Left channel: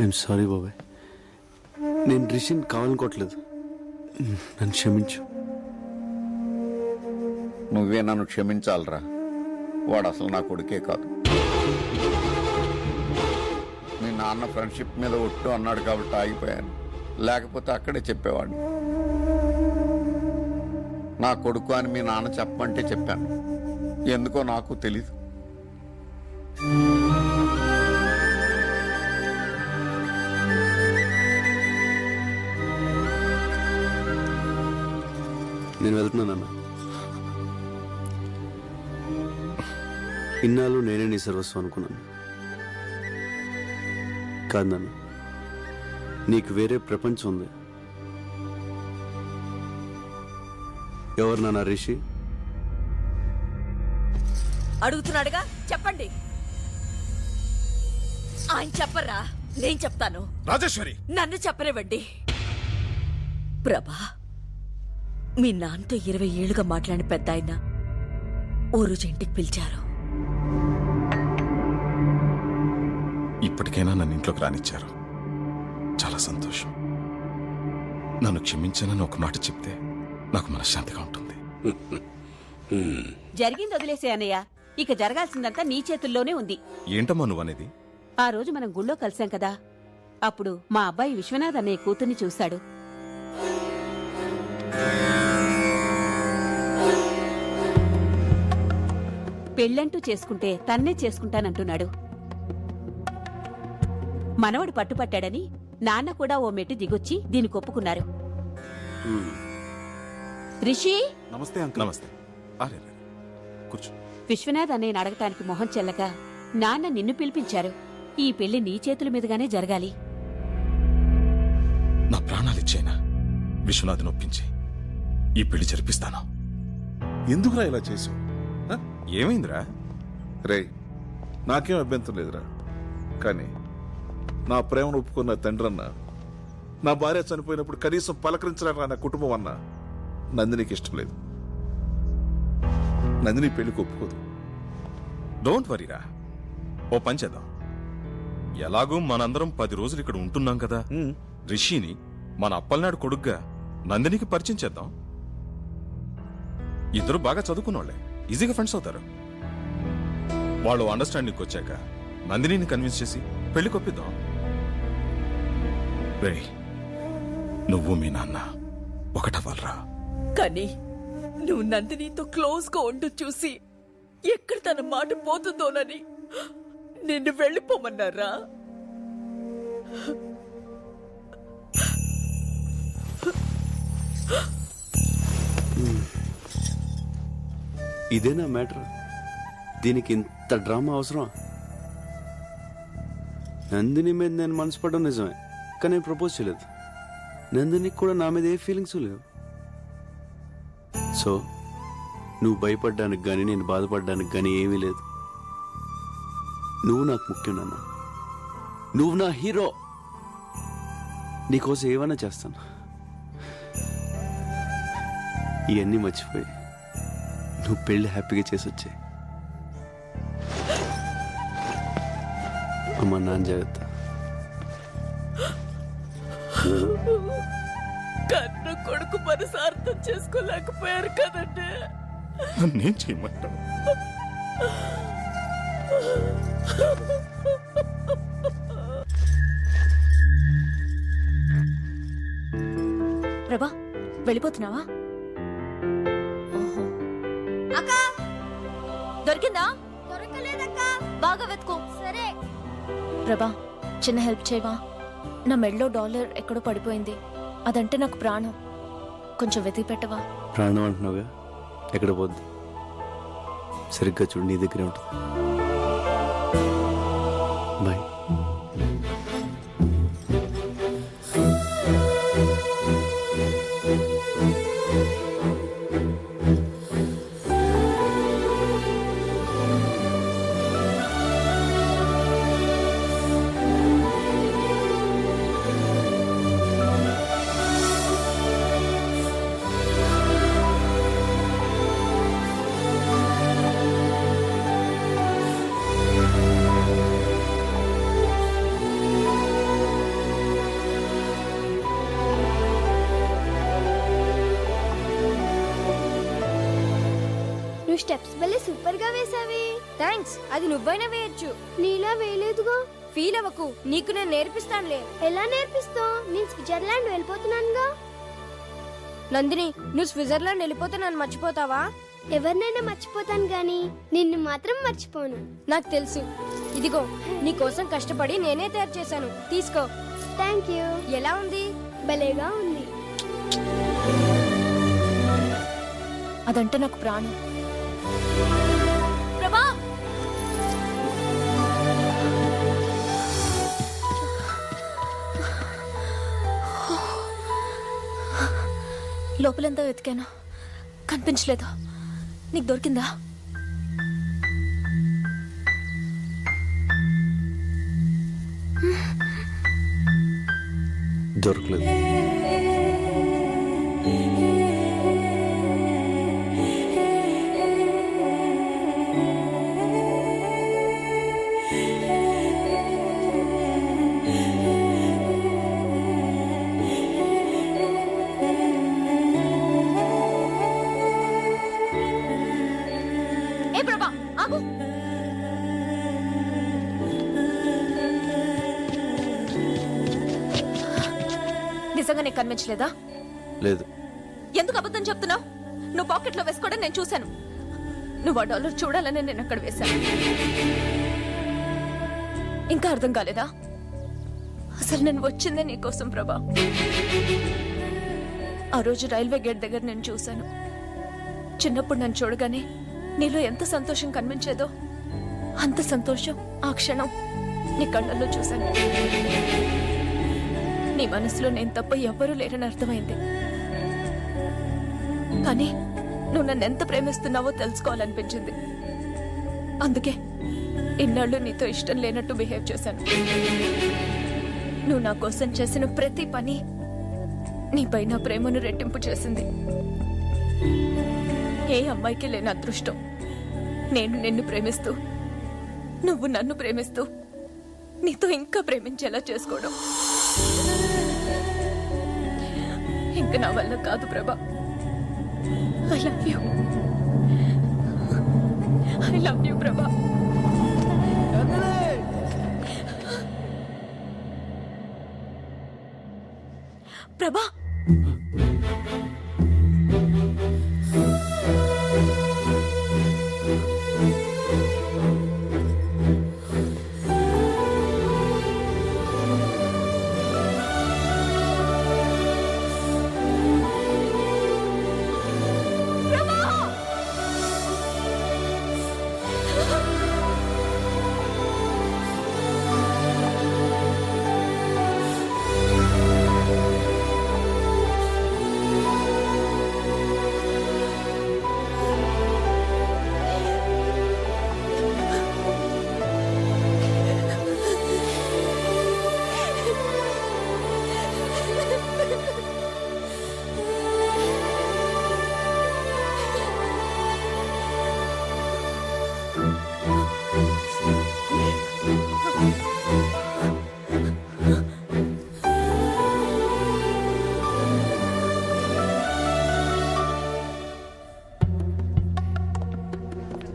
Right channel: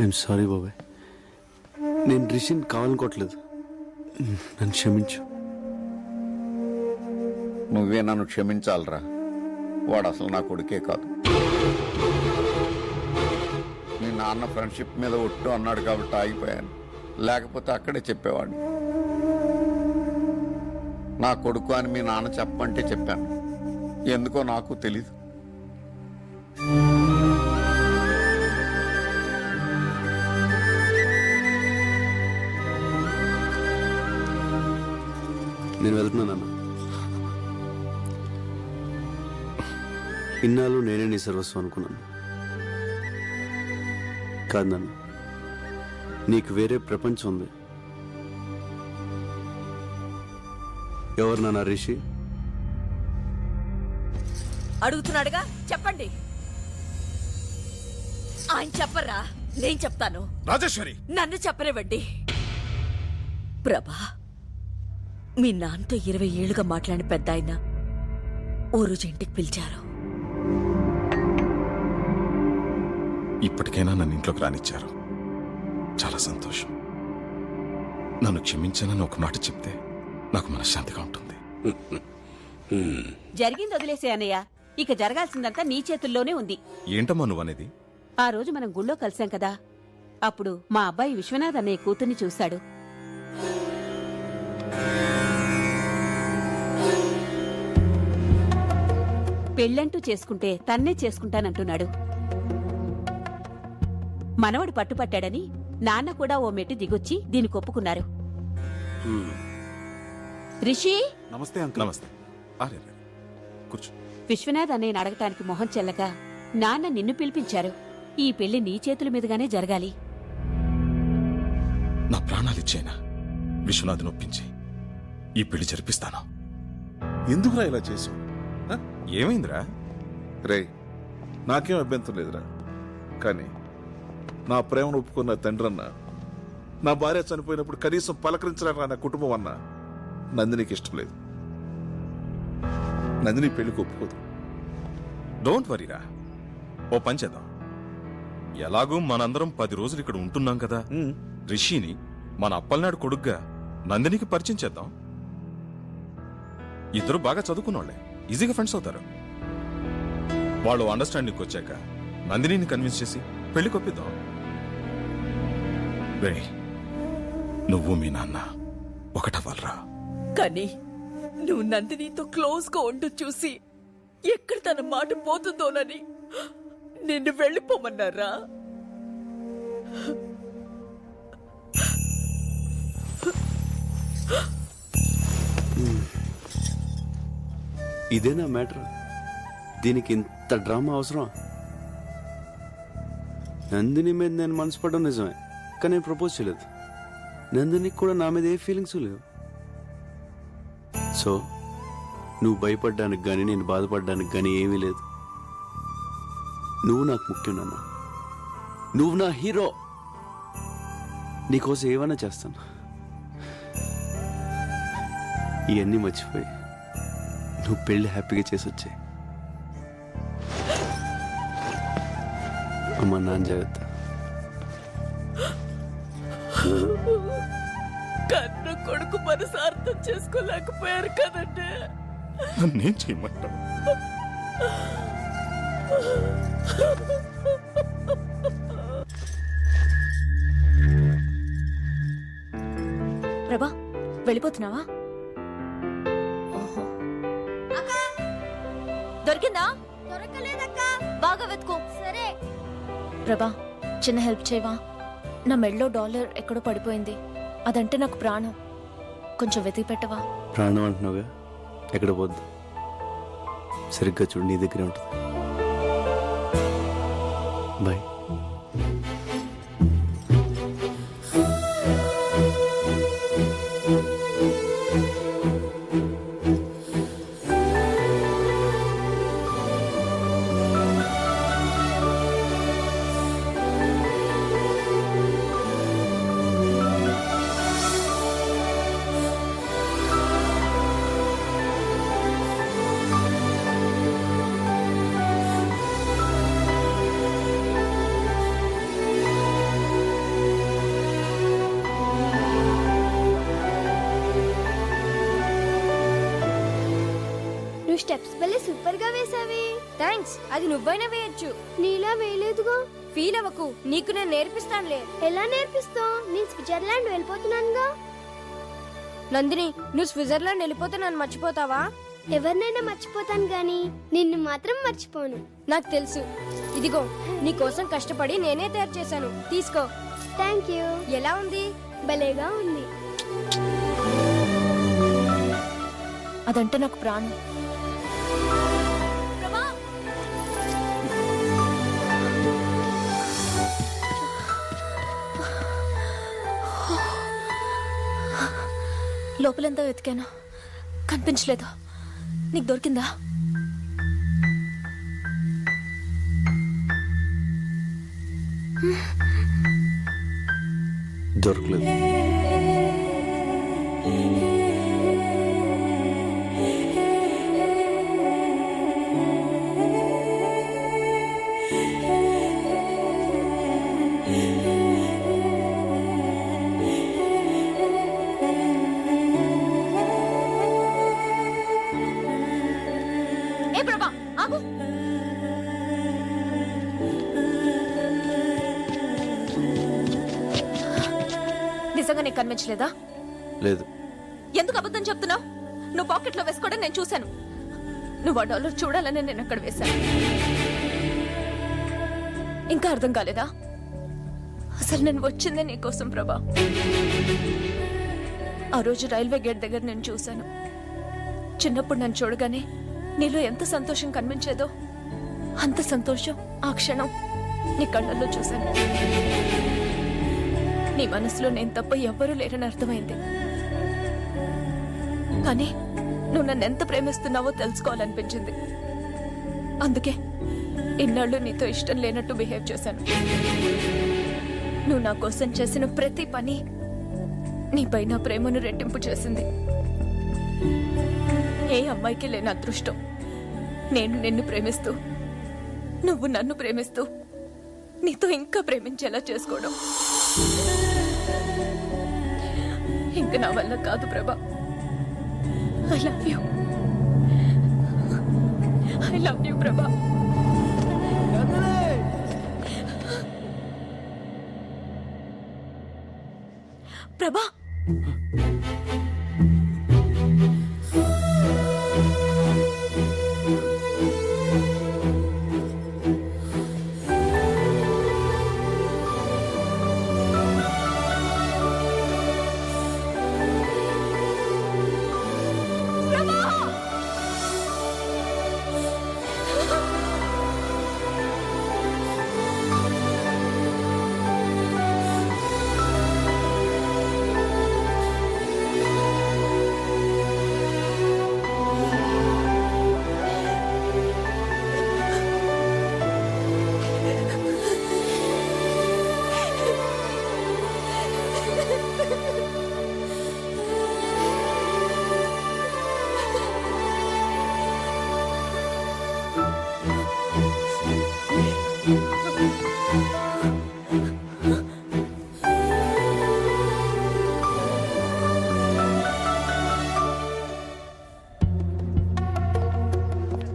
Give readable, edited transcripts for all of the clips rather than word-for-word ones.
I'm sorry బాబాయ్, నేను రిషిని కావాలనుకోవట్లేదు, నన్ను క్షమించు. నువ్వే నన్ను క్షమించాలరా, వాడు అసలు నా కొడుకే కాదు. మీ నాన్న ఫ్రెండ్షిప్ మీద ఒట్టు అన్నాడు కాబట్టి ఆగిపోయాను, లేకపోతే అక్కడే చెప్పేవాడిని. నా కొడుకు అని మీ నాన్న చెప్పమంటే చెప్పాను, ఎందుకో నాకు తెలీదు. నేను వెళ్తున్నానన్న. ఇన్నాళ్ళు నేనే నీ సర్వస్వం అనుకున్నాను. కాదు నాన్న, నీకు వేరే ప్రపంచం ఉంది. ఎవరు నాన్న రిషి? అడుగుతున్నాడుగా, చెప్పండి. ఆయన చెప్పరా, నేను చెప్తాను. రాజేశ్వరి, నన్ను చెప్పనివ్వండి. ప్రభా, మీ నాన్నతో 20 ఏళ్లుగా మాట్లాడిన పెద్ద ఆయన ఓ రోజు ఇంటికి పిలిచారు. ఇప్పటికైనా నన్ను ఇంట్లోకి రానిచ్చారు, చాలా సంతోషం. నన్ను క్షమించానని ఒక మాట చెప్తే నాకు మనశ్శాంతిగా ఉంటుంది. జరిగింది వదిలేసే అన్నయ్య, ఇక జరగాల్సిందంతా నీ చేతుల్లోనే ఉంది. ఏంటమ్మా నువ్వు అనేది? ఆ రోజు మనం గుళ్ళో కలిసాం కదా, అప్పుడు మా అబ్బాయి విశ్వనాథ్ అన్నయ్య కూతుర్ని చూశాడు. పెళ్ళంటూ చేసుకుంటే తన్నే చేసుకుంటానంటున్నాడు. మనవడు పట్టుపట్టాడని నాన్న కూడా ఓ మెట్టు దిగొచ్చి దీనికి ఒప్పుకున్నారు. రిషి, నమస్తే అంకుల్. నమస్తే. అరే కూర్చో. విశ్వనాథ్ అన్నయ్యని అడగటానికి మొహం చెల్లక నాన్న నిన్ను పిలిపించారు. ఈ పెళ్లి నీ చేతుల మీదుగానే జరగాలి. నా ప్రాణాలిచ్చేనా విశ్వనాథ్ని ఒప్పించి ఈ పెళ్లి జరిపిస్తాను. ఎందుకురా ఇలా చేసావు? ఏమైందిరా? రే, నాకేం అభ్యంతరం లేదురా, కానీ నా ప్రేమను ఒప్పుకున్న తండ్రన్న, నా భార్య చనిపోయినప్పుడు కనీసం పలకరించలేక నా కుటుంబం అన్న నందినికి ఇష్టం లేదు. నందిని పెళ్లికి ఒప్పుకోదు. డోంట్ వరీరా, ఓ పని చేద్దాం. ఎలాగూ మనందరం 10 రోజులు ఇక్కడ ఉంటున్నాం కదా, రిషిని మన అప్పలనాడు కొడుగ్గా నందినికి పరిచయం చేద్దాం. ఇద్దరు బాగా చదువుకున్నోళ్లే, ఈజీగా ఫ్రెండ్స్ అవుతారు. వాళ్ళు అండర్స్టాండింగ్కి వచ్చాక నందినిని కన్విన్స్ చేసి పెళ్లి కొప్పిద్దాం. రే, నువ్వు మీ నాన్న ఒకటవ్వాలరా. కానీ నువ్వు నందినితో క్లోజ్ గా ఉంటూ చూసి ఎక్కడ తన మాట పోతుందోనని నిన్ను వెళ్ళిపోమన్నారా? ఇదేనా మ్యాటర్? దీనికి ఇంత డ్రామా అవసరం? నందిని మీద నేను మనసు పడడం నిజమే, కానీ నేను ప్రపోజ్ చేయలేదు. నందినికి కూడా నా మీద ఏ ఫీలింగ్స్ లేవు. సో నువ్వు భయపడ్డానికి కానీ నేను బాధపడ్డానికి కానీ ఏమీ లేదు. నువ్వు నాకు ముఖ్యం నాన్న, నువ్వు నా హీరో. నీకోసం ఏమైనా చేస్తాను. ఇవన్నీ మర్చిపోయి నువ్వు పెళ్లి హ్యాపీగా చేసి వచ్చాయి. అమ్మా, నాన్న జాగ్రత్త. కన్ను కొడుకు మనసు అర్థం చేసుకోలేకపోయారు కదండి. నన్నేం చేయమంటావు? ప్రభా, వెళ్ళిపోతున్నావా? దొరికిందా? దొరకలేదక్కా, బాగా వెతుకో. సరే. ప్రభా, చిన్న హెల్ప్ చేయవా? నా మెడలో డాలర్ ఎక్కడో పడిపోయింది, అదంటే నాకు ప్రాణం. కొంచెం వెతికి పెట్టవా? ప్రాణం అంటున్నావుగా, ఎక్కడ పోద్దు. సరిగ్గా చూడు, నీ దగ్గరే ఉంటుంది. బాయ్. నువ్వు స్టెప్స్ భలే సూపర్ గా వేసావి. థ్యాంక్స్. అది నువ్వైనా వేయొచ్చు. నీలా వేయలేదుగా. ఫీల్ అవ్వకు, నీకు నేను నేర్పిస్తానులే. ఎలా నేర్పిస్తావు? నేను స్విట్జర్లాండ్ వెళ్ళిపోతున్నానుగా. నందిని, నువ్వు స్విట్జర్లాండ్ వెళ్ళిపోతే నన్ను మర్చిపోతావా? ఎవరినైనా మర్చిపోతాను గాని నిన్ను మాత్రం మర్చిపోను. నాకు తెలుసు. ఇదిగో నీ కోసం కష్టపడి నేనే తయారు చేశాను, తీసుకో. Thank you. ఎలా ఉంది? భలేగా ఉంది. అదంటే నాకు ప్రాణం. ప్రభా, లోపలంతా వెతికాను, కనిపించలేదు. నీకు దొరికిందా? దొరకలేదు. ఏ ప్రభా, ఆగు. నిజంగా నీకు కనిపించలేదా? లేదు. ఎందుకు అబద్ధం చెప్తున్నావు? నువ్వు పాకెట్లో వేసుకోవడం నేను చూశాను. నువ్వు ఆ డాలర్ చూడాలని నేను అక్కడ వేశాను. ఇంకా అర్థం కాలేదా? అసలు నేను వచ్చిందే నీకోసం ప్రభా. ఆ రోజు రైల్వే గేట్ దగ్గర నేను చూశాను. చిన్నప్పుడు నన్ను చూడగానే నీలో ఎంత సంతోషం కనిపించేదో అంత సంతోషం ఆ క్షణం నీ కళ్ళల్లో చూశాను. నీ మనసులో నేను తప్ప ఎవ్వరూ లేరని అర్థమైంది. కానీ నువ్వు నన్ను ఎంత ప్రేమిస్తున్నావో తెలుసుకోవాలనిపించింది. అందుకే ఇన్నాళ్ళు నీతో ఇష్టం లేనట్టు బిహేవ్ చేశాను. నువ్వు నా కోసం చేసిన ప్రతి పని నీపై నా ప్రేమను రెట్టింపు చేసింది. ఏ అమ్మాయికి లేని అదృష్టం నేను నిన్ను ప్రేమిస్తూ నువ్వు నన్ను ప్రేమిస్తూ నీతో ఇంకా ప్రేమించేలా చేసుకోవడం. ఇంక నా వల్ల కాదు ప్రభా. I love you. I love you ప్రభా. ప్రభా,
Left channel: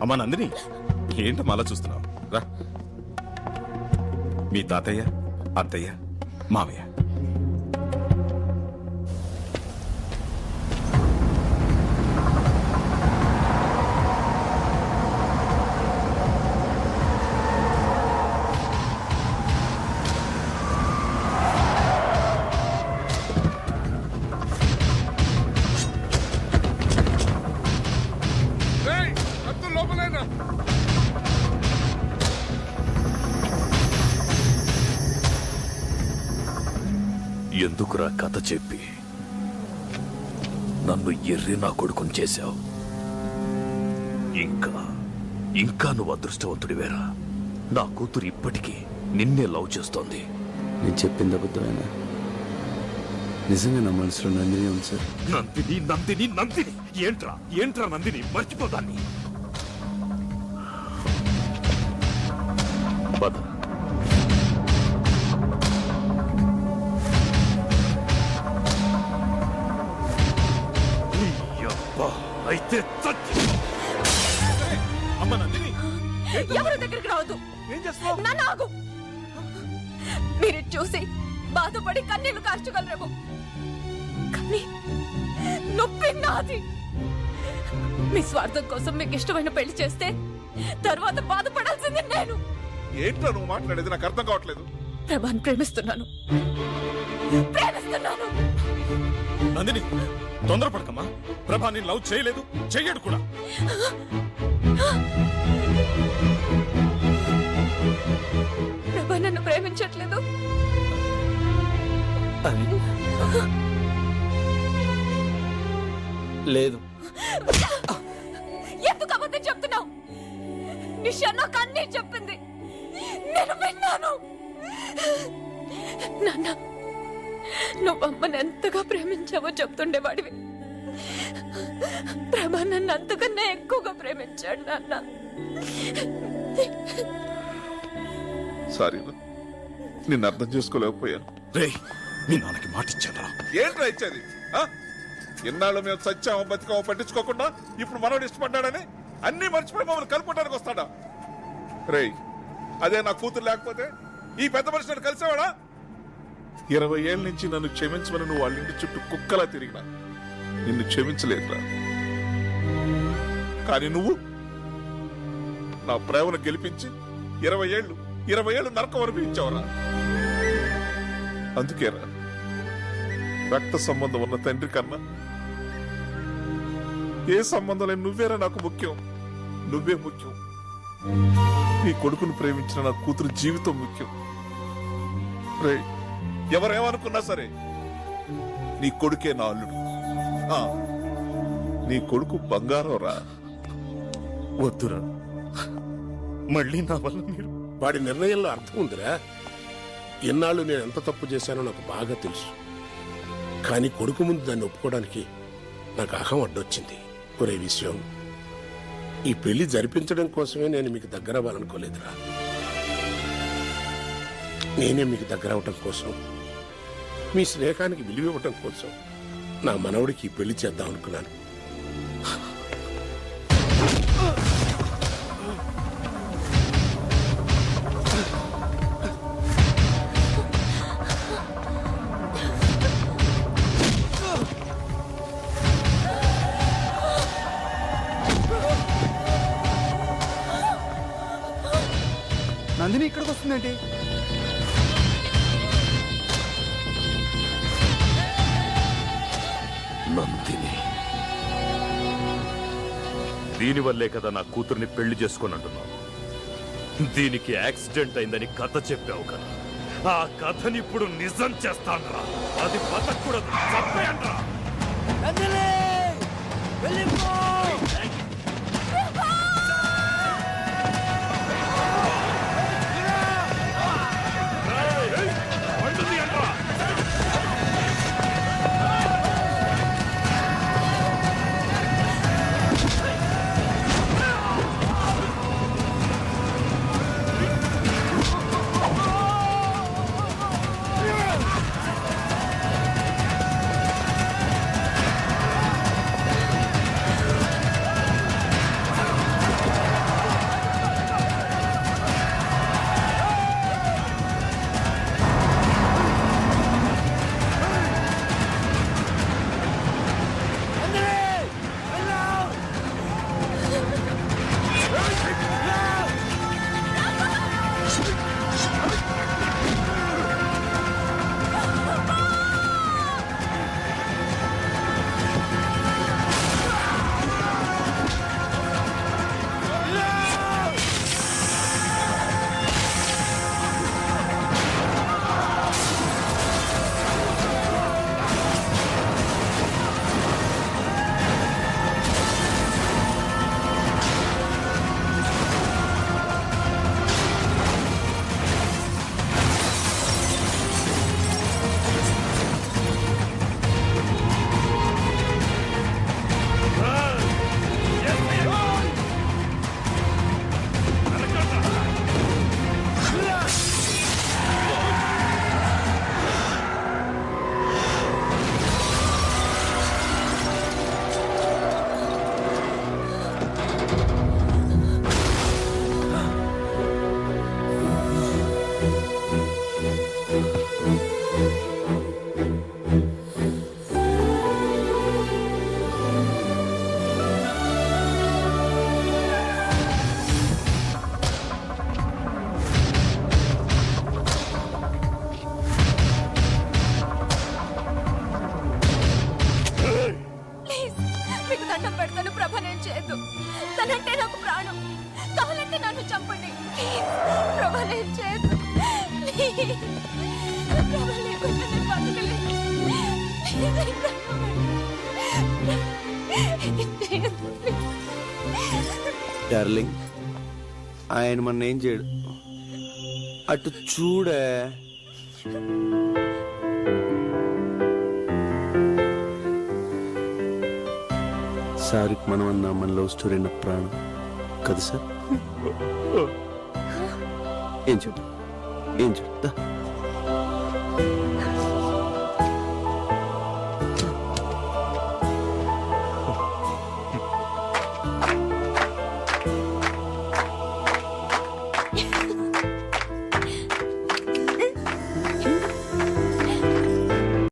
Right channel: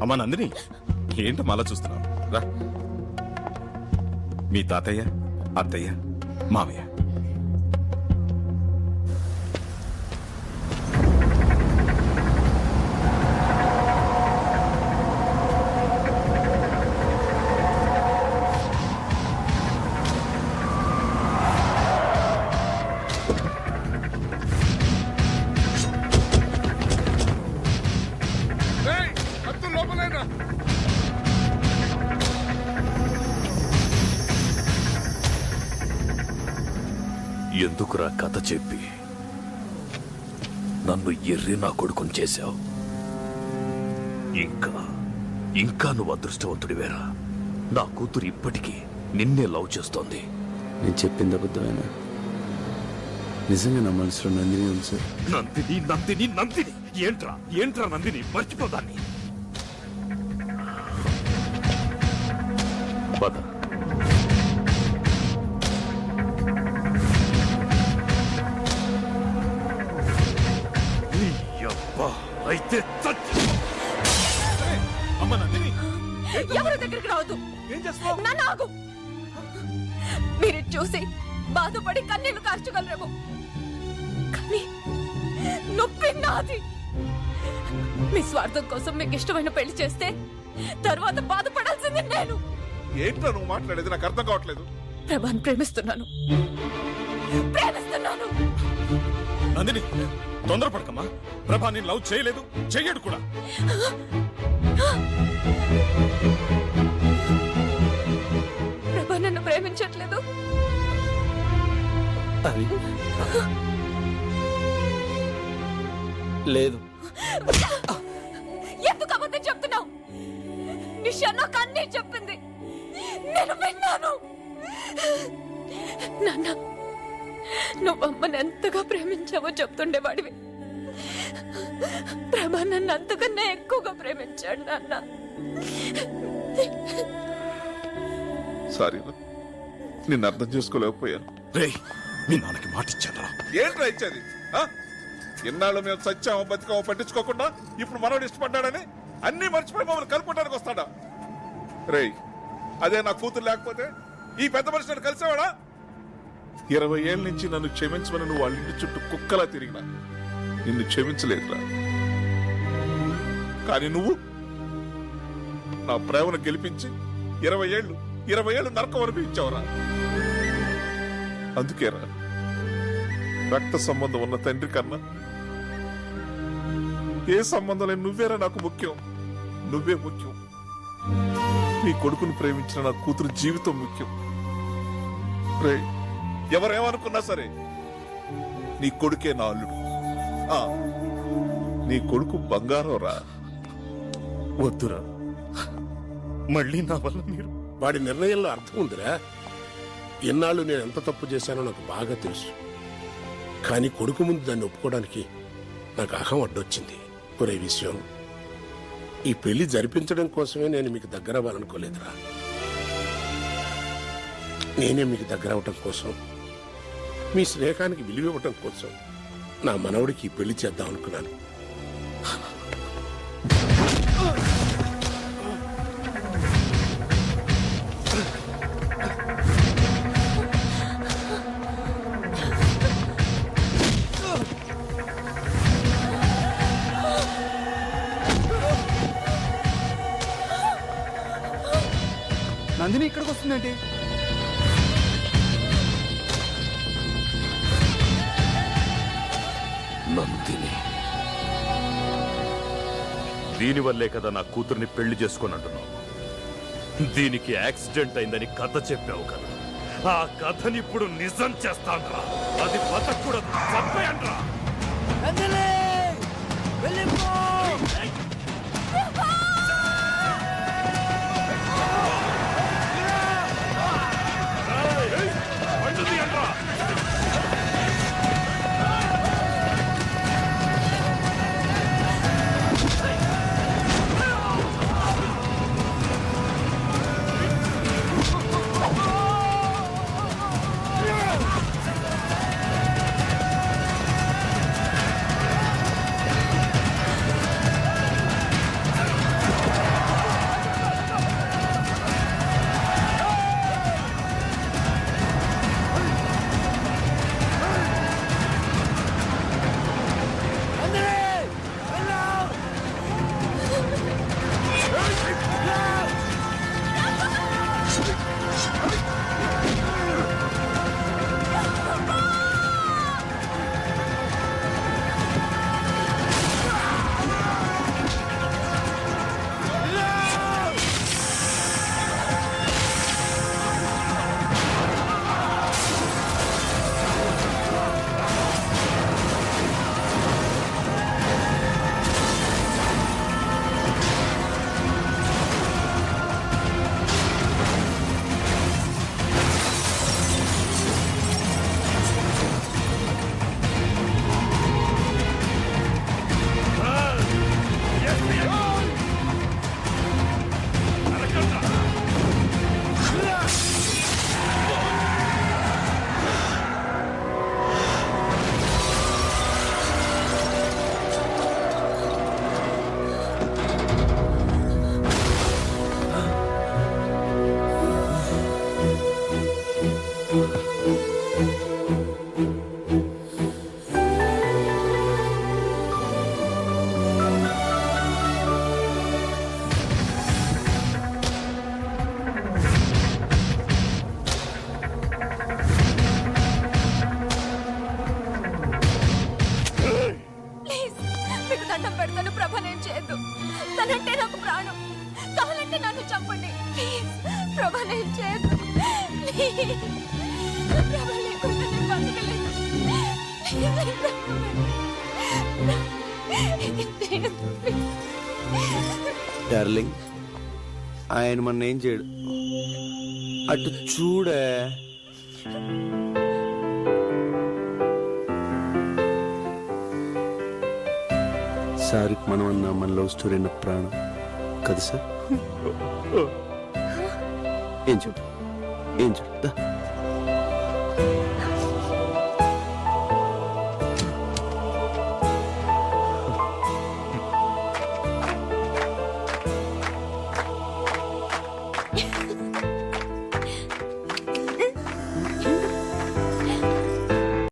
అమ్మా నందిని, ఏంటో మళ్ళా చూస్తున్నావు? రా. మీ తాతయ్య, అత్తయ్య, మావయ్య. ఎందుకురా కథ చెప్పి నన్ను ఎర్రి నా కొడుకుని చేశావు? ఇంకా నువ్వు అదృష్టవంతుడివేరా. నా కూతురు ఇప్పటికీ నిన్నే లవ్ చేస్తోంది. నేను చెప్పింది అబద్ధమేనా? నిజంగా నా మనసులో నందిని ఉంది సార్. నందిని నందిని నందిని ఏంట్రా నందిని, మర్చిపోదాన్ని. పద. అయితే చచ్చి అమ్మ నందిని ఎవరి దగ్గరికి రావద్దు. ఏం చేస్తావు? నన్ను ఆగు. మీరు చూసి బాధపడి కన్నీళ్లు కార్చగలరేమో, కానీ నొప్పి నాది. మీ స్వార్థం కోసం మీకు ఇష్టమైన పెళ్లి చేస్తే తర్వాత బాధపడాల్సింది నేను. ఏంటో నువ్వు మాట్లాడేది నాకు అర్థం కావట్లేదు. ప్రభాని ప్రేమిస్తున్నాను. నందిని తొందరపడకమ్మా. ప్రభా నేను లవ్ చేయలేదు, చెయ్యడు కూడా. ప్రభా నన్ను ప్రేమించట్లేదు. అది లేదు. ఎందుకు అబద్ధం చెప్తున్నావు? నిషా నాకు అన్నీ చెప్పింది, నేను విన్నాను. నాన్న, నువ్వు అమ్మని ఎంతగా ప్రేమించావో చెప్తుండేవాడివి. ప్రభా నన్ను అంతకన్నా ఎక్కువగా ప్రేమించాడు నాన్న. సారీ, నిన్ను అర్థం చేసుకోలేకపోయాను. రేయ్, మీ నాన్నకి మాటిచ్చానరా. ఏంట్రా ఇచ్చేది? ఇన్నాళ్ళు మేము సత్యామో బతికామో పట్టించుకోకుండా ఇప్పుడు మనోడు ఇష్టపడ్డాడని అన్ని మర్చిపోయి మమ్మల్ని కలుపుకోవడానికి వస్తాడా? రేయ్, అదే నా కూతురు లేకపోతే ఈ పెద్ద మనిషిని కలిసేవాడా? 20 ఏళ్ళ నుంచి నన్ను క్షమించమని నువ్వు వాళ్ళ ఇంటి చుట్టూ కుక్కలా తిరిగినా నిన్ను క్షమించలేదురా. కానీ నువ్వు నా ప్రేమను గెలిపించి 20 ఏళ్ళు నరకం అనిపించావురా. అందుకేరా రక్త సంబంధం ఉన్న తండ్రి కన్నా ఏ సంబంధం లేని నువ్వేరా నాకు ముఖ్యం. నువ్వే ముఖ్యం. నీ కొడుకును ప్రేమించిన నా కూతురు జీవితం ముఖ్యం. రే, ఎవరేమనుకున్నా సరే నీ కొడుకే నా అల్లుడు. నీ కొడుకు బంగారం రా. వద్దురా, మళ్ళీ నా వల్ల మీరు. వాడి నిర్ణయంలో అర్థం ఉందిరా. ఎన్నాళ్ళు నేను ఎంత తప్పు చేశానో నాకు బాగా తెలుసు. కానీ కొడుకు ముందు దాన్ని ఒప్పుకోవడానికి నాకు అహం అడ్డొచ్చింది. ఒరే విషయం, ఈ పెళ్లి జరిపించడం కోసమే నేను మీకు దగ్గర అవ్వాలనుకోలేదురా. నేనే మీకు దగ్గర అవటం కోసం, మీ స్నేహానికి విలువ ఇవ్వటం కోసం నా మనవడికి ఈ పెళ్లి చేద్దాం అనుకున్నాను. నందిని ఇక్కడికి వస్తుందేంటి? నందిని, దీనివల్లే కదా నా కూతుర్ని పెళ్లి చేసుకొని అంటున్నావు. దీనికి యాక్సిడెంట్ అయిందని కథ చెప్పావు కదా, ఆ కథని ఇప్పుడు నిజం చేస్తాన్రా. అది బతకూడదు, చంపేయండ్రా. తనంటే నాకు ప్రాణం. కావాలంటే నన్ను చంపండి ప్లీజ్. ప్రభా నేను చేయదు. ప్లీజ్ ప్రభా లేకుండా నేను బతకలేను. ప్లీజ్ చేయదు ప్లీజ్. డార్లింగ్, ఆయన మన ఏం చేయడు. అటు చూడే. సార్కి మనం అన్న మన లవ్ స్టోరీ అన్న ప్రాణం కదా సార్? ఏం చూడు, ఏం చూడు.